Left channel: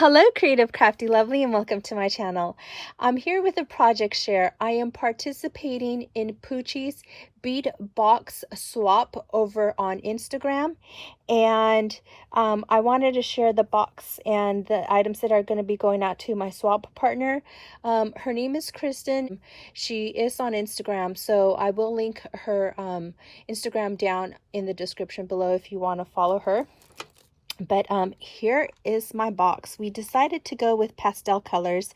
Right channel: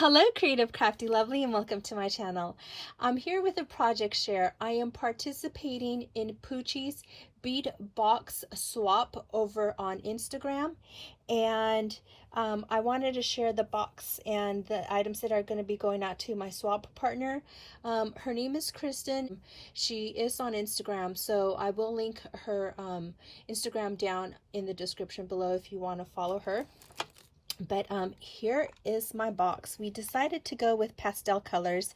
Hello, Creative Crafty Lovely, and welcome to my channel. I'm here with a project share. I am participating in Puchy's bead box swap over on Instagram, and I wanted to share the box and the items that are going to be going out to my swap partner. Her name is Kristin. She is on Instagram, so I will link her Instagram down in the description below if you want to follow her. But here is my box. We decided to go with pastel colors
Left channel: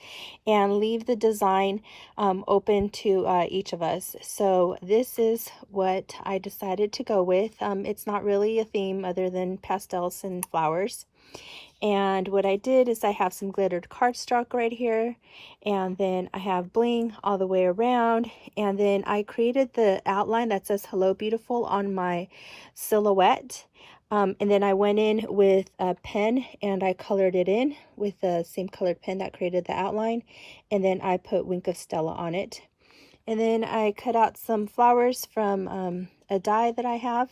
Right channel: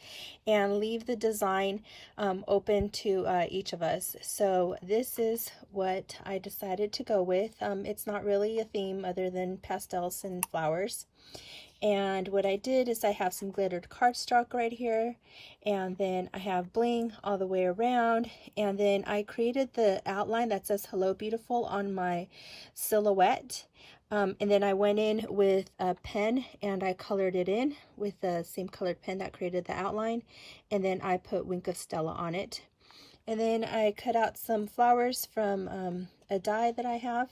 and leave the design open to each of us. So this is what I decided to go with. It's not really a theme other than pastels and flowers. And what I did is I have some glittered cardstock right here, and then I have bling all the way around, and then I created the outline that says "Hello Beautiful" on my silhouette. And then I went in with a pen and I colored it in with the same colored pen that created the outline, and then I put Wink of Stella on it. And then I cut out some flowers from a die that I have.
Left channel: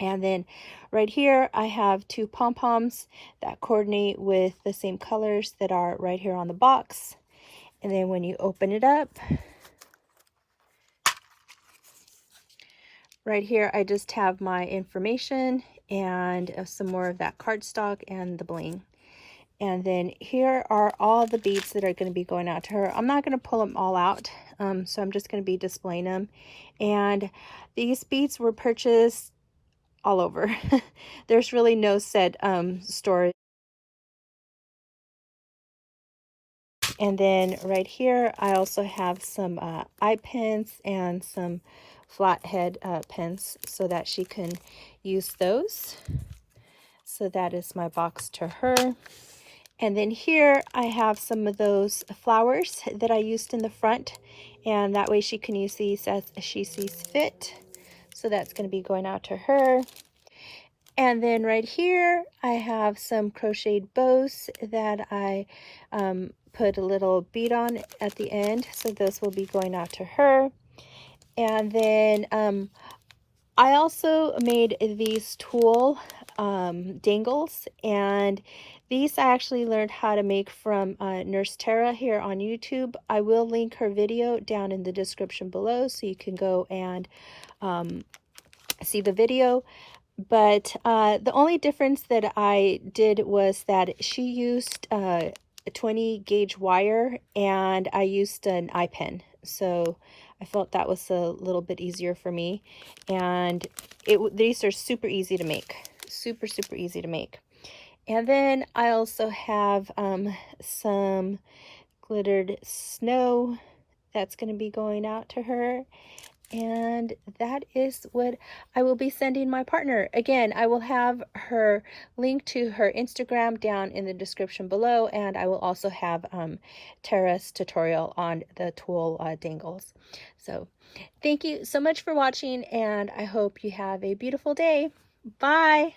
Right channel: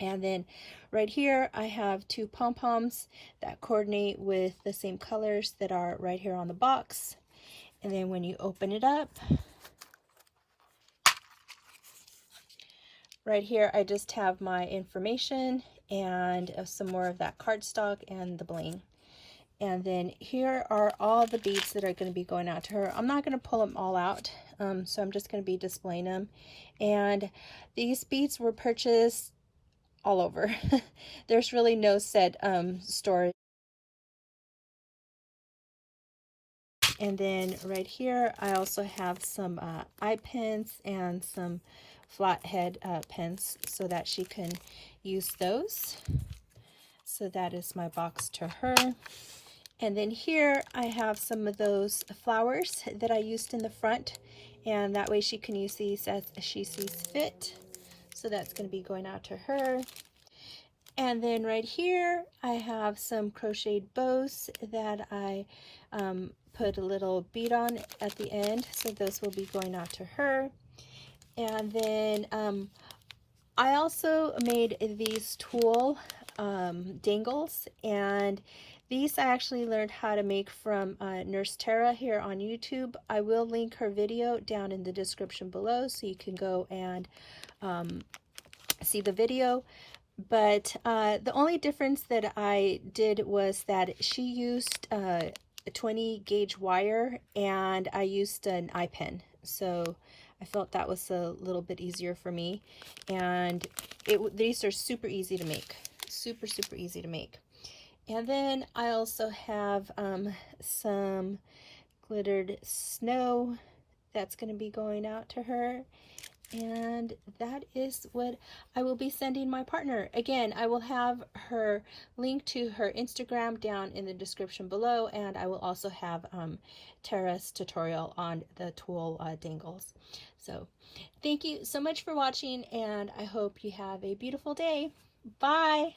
And then right here I have two pom-poms that coordinate with the same colors that are right here on the box. And then when you open it up, right here I just have my information and some more of that cardstock and the bling. And then here are all the beads that are going to be going out to her. I'm not going to pull them all out, so I'm just going to be displaying them. And these beads were purchased all over. There's really no set store. And then right here I also have some eye pins and some flathead pins so that she can use those. So that is my box to her. And then here I have some of those flowers that I used in the front, and that way she can use these as she sees fit. So that's going to be going out to her. And then right here I have some crocheted bows that I put a little bead on at the end, so those will be going out to her. And then I also made these tulle dangles, and these I actually learned how to make from Nurse Tara here on YouTube. I will link her video down in the description below so you can go and see the video. But the only difference that I did was that she used a 20 gauge wire and I used an eye pen. So I felt that was a little bit easier for me. And these are super easy to make. Super easy to make. And then I also have some glittered snow that's going to be going out to her. And that is what I will be sending my partner. Again, I will have her link to her Instagram down in the description below, and I will also have Tara's tutorial on the tulle dangles. So thank you so much for watching, and I hope you have a beautiful day. Bye.